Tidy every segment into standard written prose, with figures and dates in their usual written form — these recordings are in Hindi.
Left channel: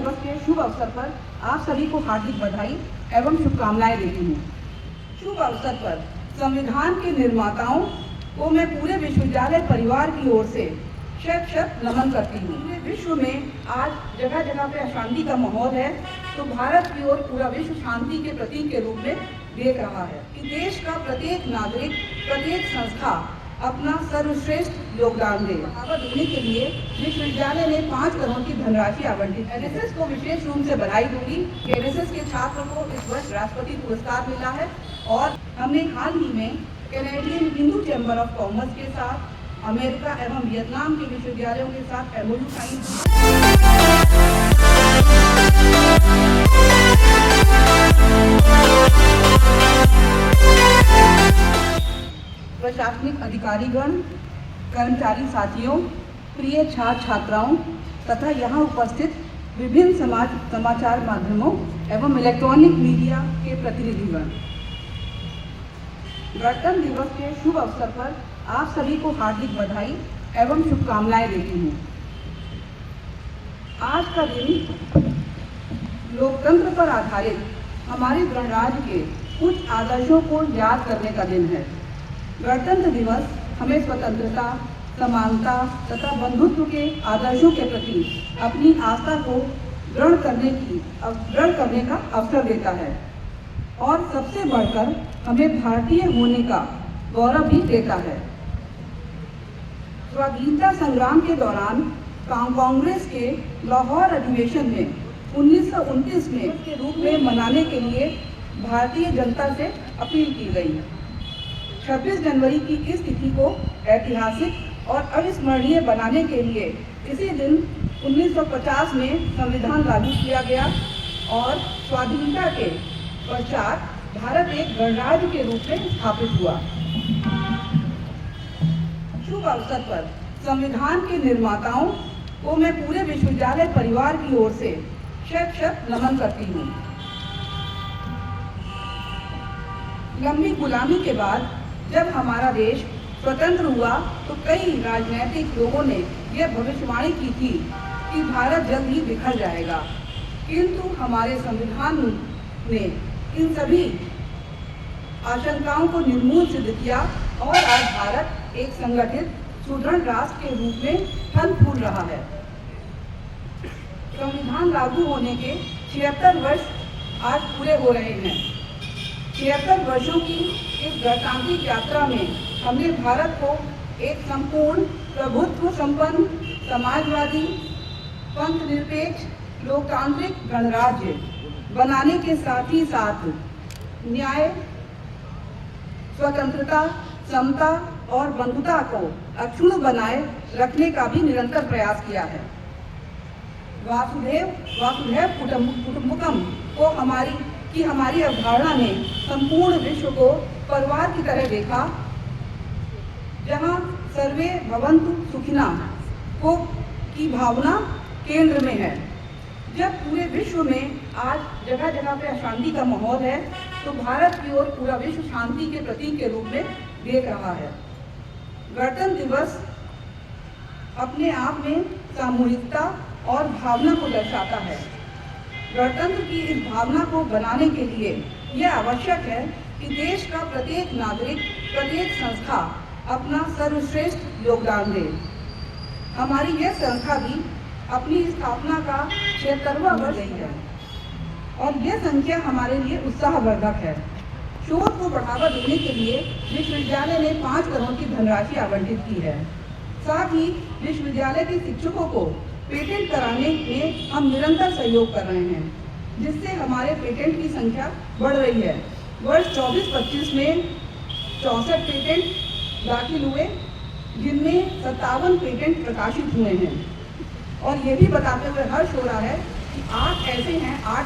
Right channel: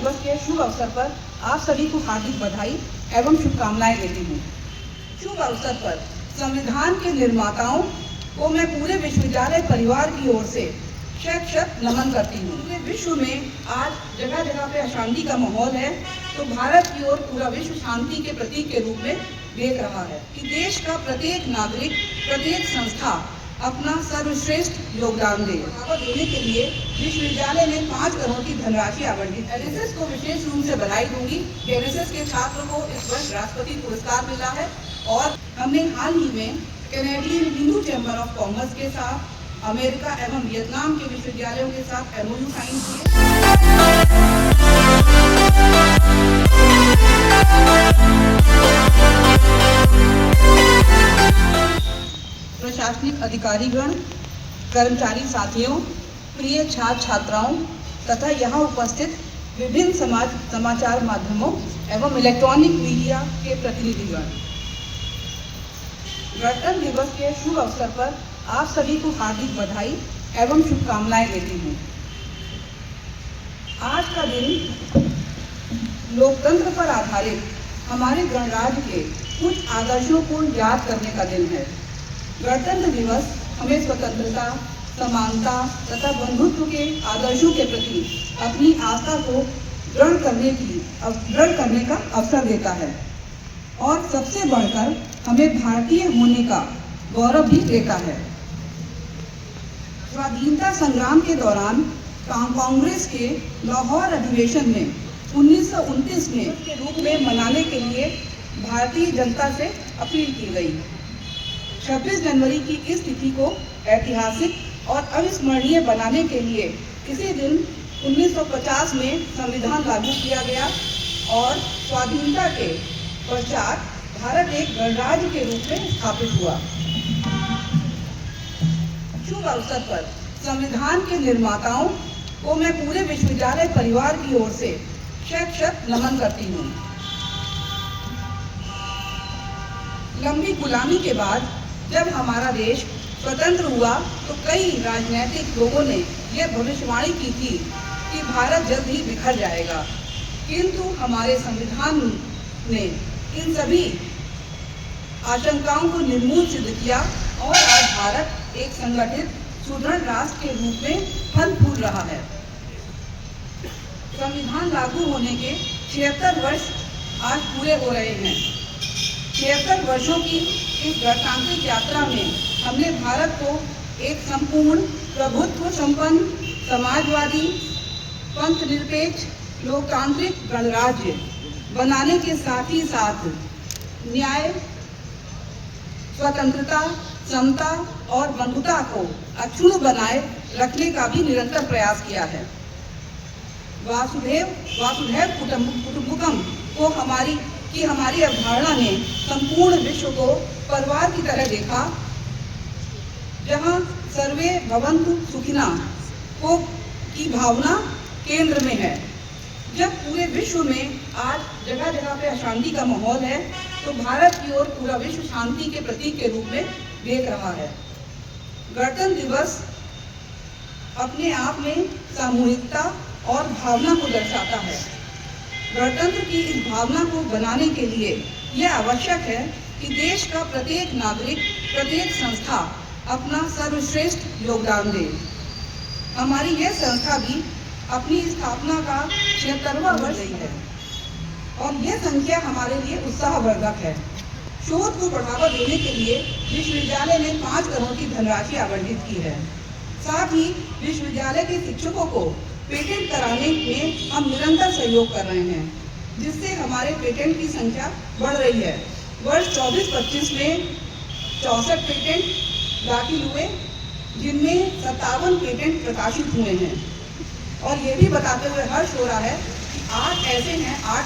दिवस के शुभ अवसर पर आप सभी को हार्दिक बधाई एवं शुभकामनाएं देती हूँ। शुभ अवसर पर संविधान के निर्माताओं को मैं पूरे विश्वविद्यालय परिवार की ओर से शत नमन करती हूँ। पूरे विश्व में आज जगह जगह पे अशांति का माहौल है, तो भारत की ओर पूरा विश्व शांति के प्रतीक के रूप में देख रहा है कि देश का प्रत्येक नागरिक, प्रत्येक संस्था अपना सर्वश्रेष्ठ योगदान दे। देने के लिए विश्वविद्यालय ने 5 करोड़ की धनराशि आवंटित। एनएसएस को विशेष रूप से बधाई दूंगी कि एनएसएस के छात्रों को इस वर्ष राष्ट्रपति पुरस्कार मिला है और हमने हाल ही में Canadian Hindu chamber of commerce के साथ, अमेरिका एवं वियतनाम के विश्वविद्यालयों के साथ एमओयू साइन किए। प्रशासनिक अधिकारीगण, कर्मचारी साथियों, प्रिय छात्र छात्राओं तथा यहाँ उपस्थित विभिन्न समाचार माध्यमों एवं इलेक्ट्रॉनिक मीडिया के प्रतिनिधिगण, गणतंत्र दिवस के शुभ अवसर पर आप सभी को हार्दिक बधाई एवं शुभकामनाएं देती हूँ। आज का दिन लोकतंत्र पर आधारित हमारे गणराज्य के कुछ आदर्शों को याद करने का दिन है। गणतंत्र दिवस हमें स्वतंत्रता, समानता तथा बंधुत्व के आदर्शों के प्रति अपनी आस्था को दृढ़ करने का अवसर देता है और सबसे बढ़कर हमें भारतीय होने का गौरव भी देता है। स्वाधीनता संग्राम के दौरान कांग्रेस के लाहौर अधिवेशन में 1929 में के रूप में मनाने के लिए भारतीय जनता से अपील की गई। 26 जनवरी की इस तिथि को ऐतिहासिक और अविस्मरणीय बनाने के लिए इसी दिन 1950 में संविधान लागू किया गया और स्वाधीनता के पश्चात भारत एक गणराज्य के रूप में स्थापित हुआ। शुभ अवसर पर संविधान के निर्माताओं को मैं पूरे विश्वविद्यालय परिवार की ओर से शत नमन करती हूँ। लंबी गुलामी के बाद जब हमारा देश स्वतंत्र हुआ तो कई राजनीतिक लोगों ने यह भविष्यवाणी की थी कि भारत जल्द ही बिखर जाएगा, किंतु हमारे संविधान ने इन सभी आशंकाओं को निर्मूल सिद्ध किया और आज भारत एक संगठित सुदृढ़ राष्ट्र के रूप में फल फूल रहा है। संविधान लागू होने के 76 वर्ष आज पूरे हो रहे हैं। 76 वर्षों की इस गणतांत्रिक यात्रा में हमने भारत को एक संपूर्ण प्रभुत्व संपन्न, समाजवादी, पंथनिरपेक्ष, लोकतांत्रिक गणराज्य बनाने के साथ ही साथ न्याय, स्वतंत्रता, समता और बंधुता को अक्षुण्ण बनाए रखने का भी निरंतर प्रयास किया है। वासुदेव कुटुंबकम को हमारी अवधारणा ने संपूर्ण विश्व को परिवार की तरह देखा, जहां सर्वे भवन्तु सुखिना की भावना केंद्र में है। जब पूरे विश्व में आज जगह जगह पे अशांति का माहौल है, तो भारत की ओर पूरा विश्व शांति के प्रतीक के रूप में देख रहा है। गणतंत्र दिवस अपने आप में सामूहिकता और भावना को दर्शाता है। गणतंत्र की इस भावना को बनाने के लिए यह आवश्यक है कि देश का प्रत्येक नागरिक, प्रत्येक संस्था अपना सर्वश्रेष्ठ योगदान दे। हमारी यह संस्था भी अपनी स्थापना का 76वां वर्ष है और यह संख्या हमारे लिए उत्साहवर्धक है। शोध को बढ़ावा देने के लिए विश्वविद्यालय ने 5 करोड़ की धनराशि आवंटित की है। साथ ही विश्वविद्यालय के शिक्षकों को पेटेंट कराने में हम निरंतर सहयोग कर रहे हैं, जिससे हमारे पेटेंट की संख्या बढ़ रही है। वर्ष 24-25 में 64 पेटेंट दाखिल हुए, जिनमें 57 पेटेंट प्रकाशित हुए हैं। और ये भी बताते हुए हर्ष हो रहा है कि 8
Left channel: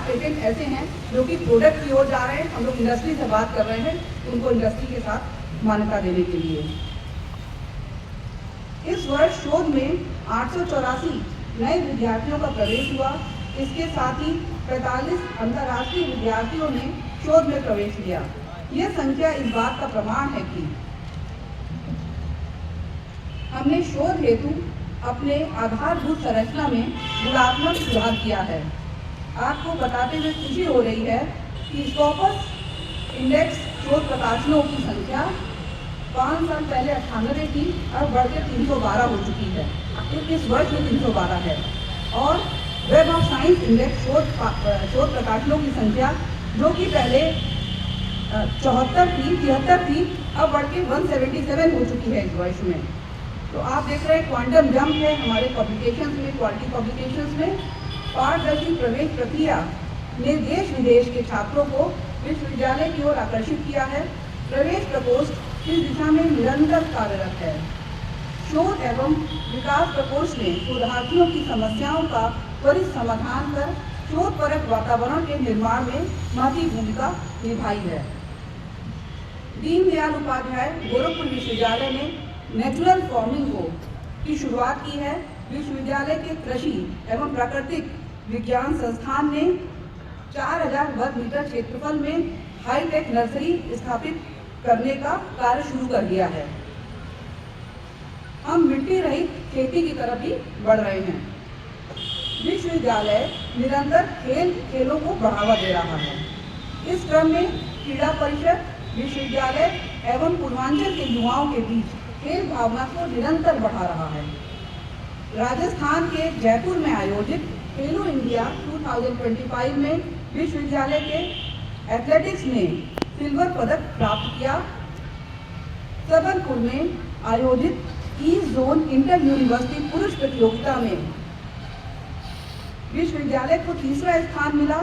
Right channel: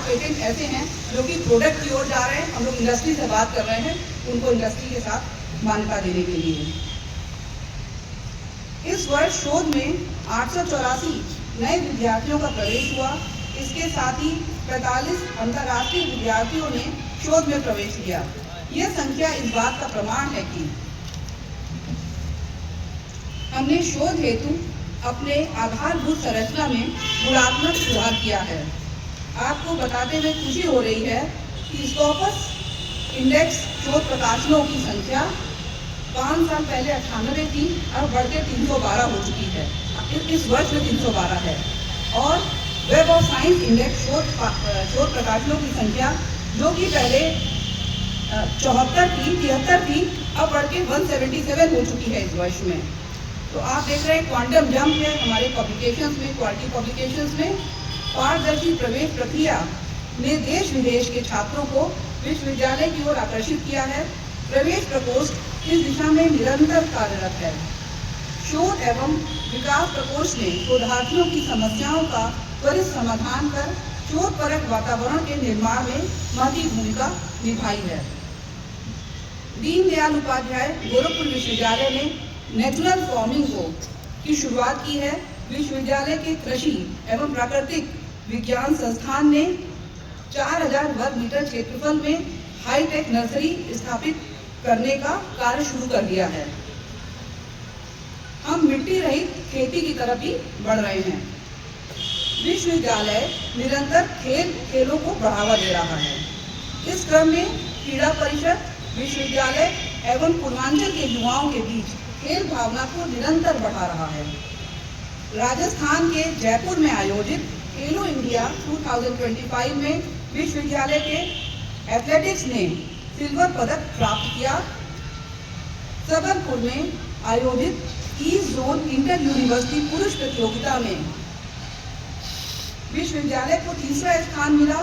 पेटेंट ऐसे हैं जो कि प्रोडक्ट की ओर जा रहे हैं। हम लोग इंडस्ट्री से बात कर रहे हैं, उनको इंडस्ट्री के साथ मान्यता देने के लिए। इस वर्ष शोध में 884 नए विद्यार्थियों का प्रवेश हुआ। इसके साथ ही 45 अंतर्राष्ट्रीय विद्यार्थियों ने शोध में प्रवेश लिया। यह संख्या इस बात का प्रमाण है कि हमने शोध हेतु अपने आधारभूत संरचना में गुणात्मक सुधार किया है। आपको बताते हुए खुशी हो रही है कि स्कॉपस इंडेक्स शोध प्रकाशनों की संख्या 5 साल पहले 98 थी, अब बढ़ के 312 हो चुकी है। इस वर्ष में 312 है। और वेब ऑफ साइंस इंडेक्स शोध प्रकाशनों की संख्या जो कि पहले 73 थी, अब बढ़ के 177 हो चुकी है इस वर्ष में। तो आप देख रहे हैं क्वांटम जंप है हमारे पब्लिकेशंस में, क्वालिटी पब्लिकेशंस में। पारदर्शी प्रवेश प्रक्रिया ने देश विदेश के छात्रों को विश्वविद्यालय की ओर आकर्षित किया है। प्रवेश प्रकोष्ठ इस दिशा में निरंतर कार्यरत है। शोध एवं विकास प्रकोष्ठ ने शोधार्थियों की समस्याओं का त्वरित समाधान कर शोधपरक वातावरण के निर्माण में महत्वपूर्ण भूमिका निभाई है। दीनदयाल उपाध्याय गोरखपुर विश्वविद्यालय ने नेचुरल फार्मिंग की शुरुआत की है। विश्वविद्यालय के कृषि एवं प्राकृतिक विज्ञान संस्थान ने 4000 वर्ग मीटर क्षेत्रफल में हाईटेक नर्सरी स्थापित करने का कार्य शुरू कर दिया है। हम मिट्टी रहित खेती की तरफ भी बढ़ रहे हैं। विश्वविद्यालय निरंतर खेलों को बढ़ावा दे रहा है। इस क्रम में क्रीड़ा परिषद विश्वविद्यालय एवं पूर्वांचल के युवाओं के बीच खेल भावना को निरंतर बढ़ा रहा है। राजस्थान के जयपुर में आयोजित खेलो इंडिया 2025 में विश्वविद्यालय के एथलेटिक्स ने सिल्वर पदक प्राप्त किया। सबलपुर में आयोजित ईस्ट जोन इंटर यूनिवर्सिटी पुरुष प्रतियोगिता में विश्वविद्यालय को तीसरा स्थान मिला।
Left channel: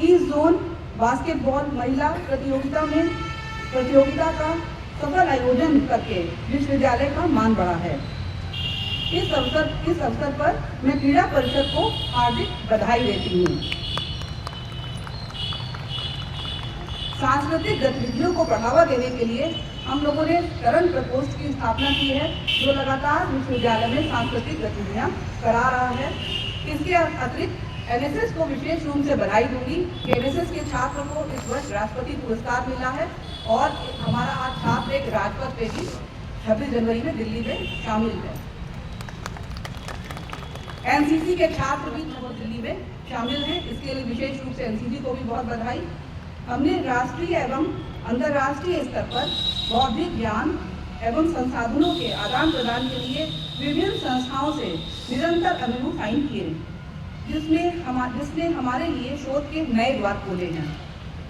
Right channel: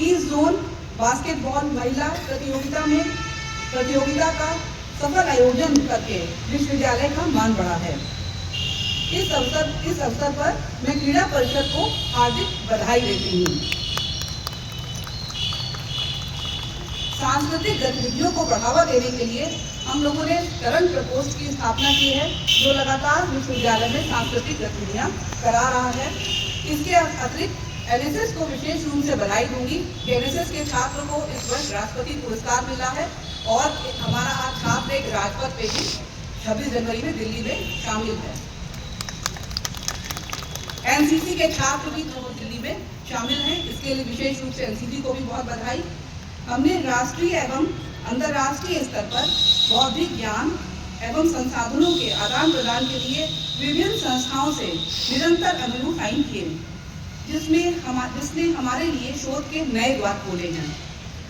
ईस्ट जोन बास्केटबॉल महिला प्रतियोगिता का सफल आयोजन करके विश्वविद्यालय का मान बढ़ा है। इस अवसर पर मैं क्रीड़ा परिषद को हार्दिक बधाई देती हूँ। सांस्कृतिक गतिविधियों को बढ़ावा देने के लिए हम लोगों ने तरंग प्रकोष्ठ की स्थापना की है, जो लगातार विश्वविद्यालय में सांस्कृतिक गतिविधियां करा रहा है। इसके अतिरिक्त एनएसएस को विशेष रूप से बधाई दूंगी। एनएसएस के छात्र को इस वर्ष राष्ट्रपति पुरस्कार मिला है और हमारा आज छात्र एक राजपथ पे भी 26 जनवरी में दिल्ली में शामिल है। एनसीसी के छात्र भी दिल्ली में शामिल हैं, इसके लिए विशेष रूप से एनसीसी को भी बहुत बधाई। हमने राष्ट्रीय एवं अंतर्राष्ट्रीय स्तर पर बौद्धिक ज्ञान एवं संसाधनों के आदान प्रदान के लिए विभिन्न संस्थाओं से निरंतर अभिनव साइन किए, जिसने हमारे लिए शोध के नए द्वार खोले हैं।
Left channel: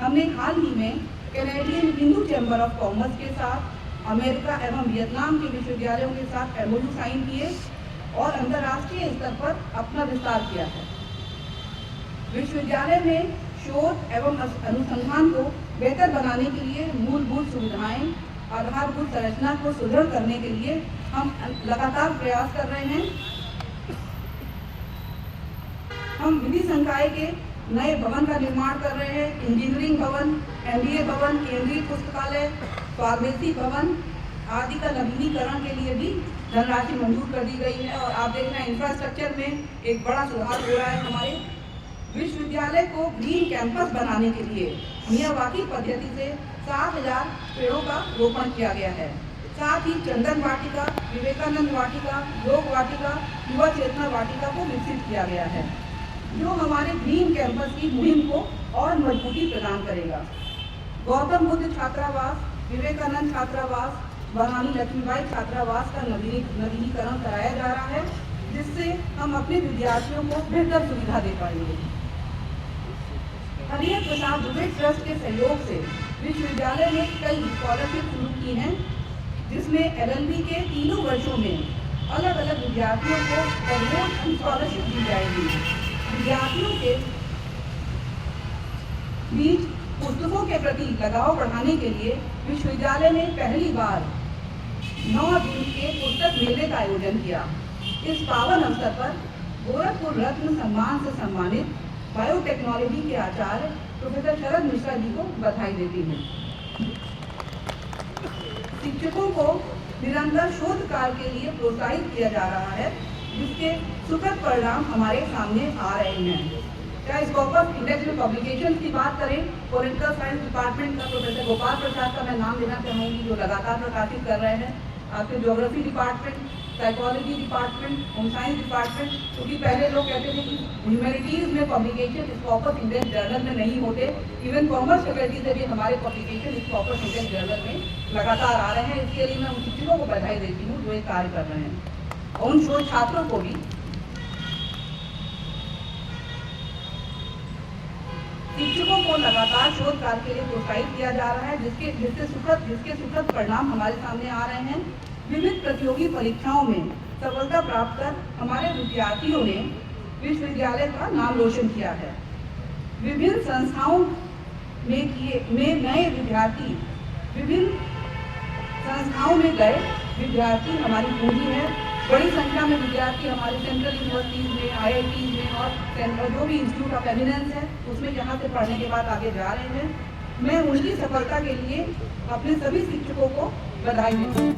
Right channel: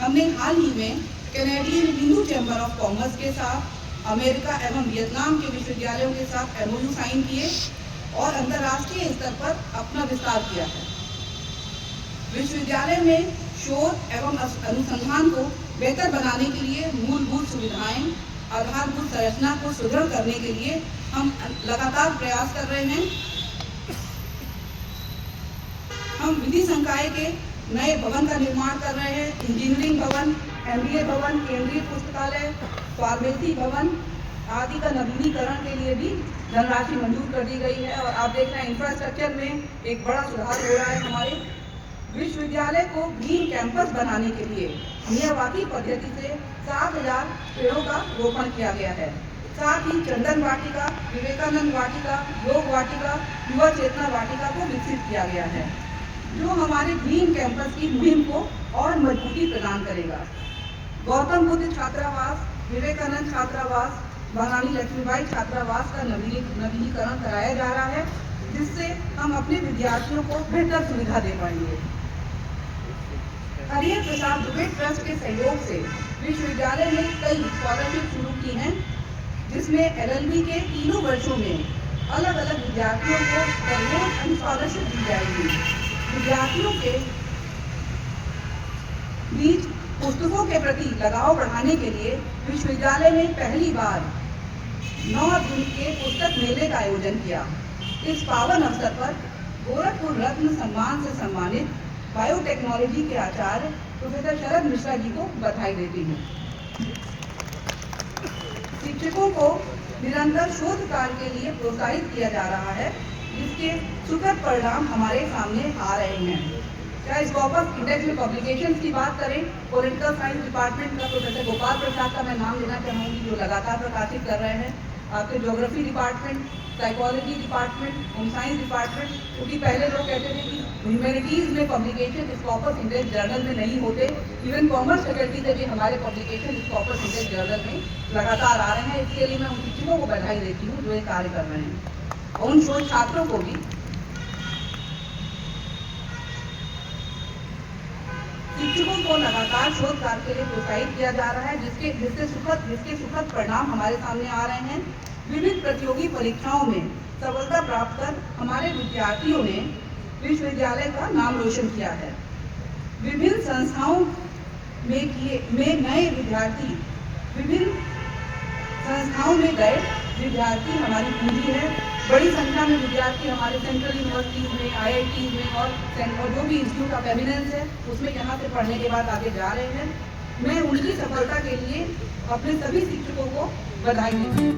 हमने हाल ही में Canadian Hindu chamber of commerce के साथ अमेरिका एवं वियतनाम के विश्वविद्यालयों के साथ एमओयू साइन किए और अंतर्राष्ट्रीय स्तर पर अपना विस्तार किया है। विश्वविद्यालय में शोध एवं अनुसंधान को बेहतर बनाने के लिए मूलभूत सुविधाएं, आधारभूत संरचना को सुदृढ़ करने के लिए हम लगातार प्रयास कर रहे हैं। हम विधि संकाय के नए भवन का निर्माण कर रहे हैं। इंजीनियरिंग भवन, एमबीए भवन, केंद्रीय पुस्तकालय, फार्मेसी भवन आदि का नवीनीकरण के लिए भी धनराशि मंजूर कर दी गई है। और आप देख रहे हैं इंफ्रास्ट्रक्चर में एक बड़ा सुधार हो रहा है। हमारे विश्वविद्यालय को ग्रीन कैंपस बनाने के लिए मियावाकी पद्धति से 7000 पेड़ों का रोपण किया गया है। साथ ही चंदन वाटिका, विवेकानंद वाटिका, योग वाटिका, युवा चेतना वाटिका को विकसित किया गया है, जो हमारे ग्रीन कैंपस की मुहिम को और मजबूती प्रदान करेगा। गौतम बुद्ध छात्रावास, विवेकानंद छात्रावास, महारानी लक्ष्मीबाई छात्रावास का नवीनीकरण कराया जा रहा है, जिससे हम अपने विद्यार्थियों को बेहतर सुविधा दे पाएंगे। हरियर प्रसाद दुबे ट्रस्ट के सहयोग से विश्वविद्यालय ने कई स्कॉलरशिप शुरू की हैं, जिसमें एलएलबी के तीनों वर्षों में अलग अलग विद्यार्थियों को प्रमोट स्कॉलरशिप दी जाएगी। विद्यार्थियों के बीच पुस्तकों के प्रति लगाव बढ़ाने के लिए विश्वविद्यालय ने पहली बार 9 दिन के पुस्तक मेले का आयोजन किया। इस पावन अवसर पर गोरखपुर रत्न सम्मान से सम्मानित बायोटेक्नोलॉजी के आचार्य प्रोफेसर शरद मिश्रा जी को बधाई देती हूँ। शिक्षकों को निरंतर शोध कार्य के लिए प्रोत्साहित किया जा रहा है, जिसके सुखद परिणाम हमारे सामने आ रहे हैं। चाहे स्कॉपस इंडेक्स में पब्लिकेशन की बात करें, पॉलिटिकल साइंस डिपार्टमेंट का प्रोफेसर गोपाल प्रसाद का मैं नाम लेना चाहूँगी, जो लगातार प्रकाशित कर रहे हैं। आपके geography department, psychology department, home science department, क्योंकि पहले लोग कहते थे कि ह्यूमैनिटीज़ में पब्लिकेशन स्कॉपर्स इंडेक्स जर्नल में नहीं होते। इवन कॉमर्स फैकल्टी से भी हमारे पब्लिकेशन स्कॉपर्स इंडेक्स जर्नल में लगातार आ रहे हैं। इसके लिए मैं उन शिक्षकों को बधाई देती हूँ जो ये कार्य कर रहे हैं। और उन शोध छात्रों को भी, शिक्षकों को लगातार शोध कार्य के लिए प्रोत्साहित किया जा रहा है, जिसके सुखद परिणाम हमारे सामने आ रहे हैं। विविध प्रतियोगी परीक्षाओं में सफलता प्राप्त कर हमारे विद्यार्थियों ने विश्वविद्यालय का नाम रोशन किया है। विभिन्न संस्थाओं में नए विद्यार्थी, विभिन्न संस्थाओं में गए विद्यार्थी हमारी पूंजी है। बड़ी संख्या में विद्यार्थी हमारे सेंट्रल यूनिवर्सिटीज में, IIT में और जो भी इंस्टीट्यूट ऑफ एमिनेंस है उसमें यहाँ से पढ़ने के बाद आगे जा रहे हैं। मैं उनकी सफलता के लिए अपने सभी शिक्षकों को बधाई देती हूँ।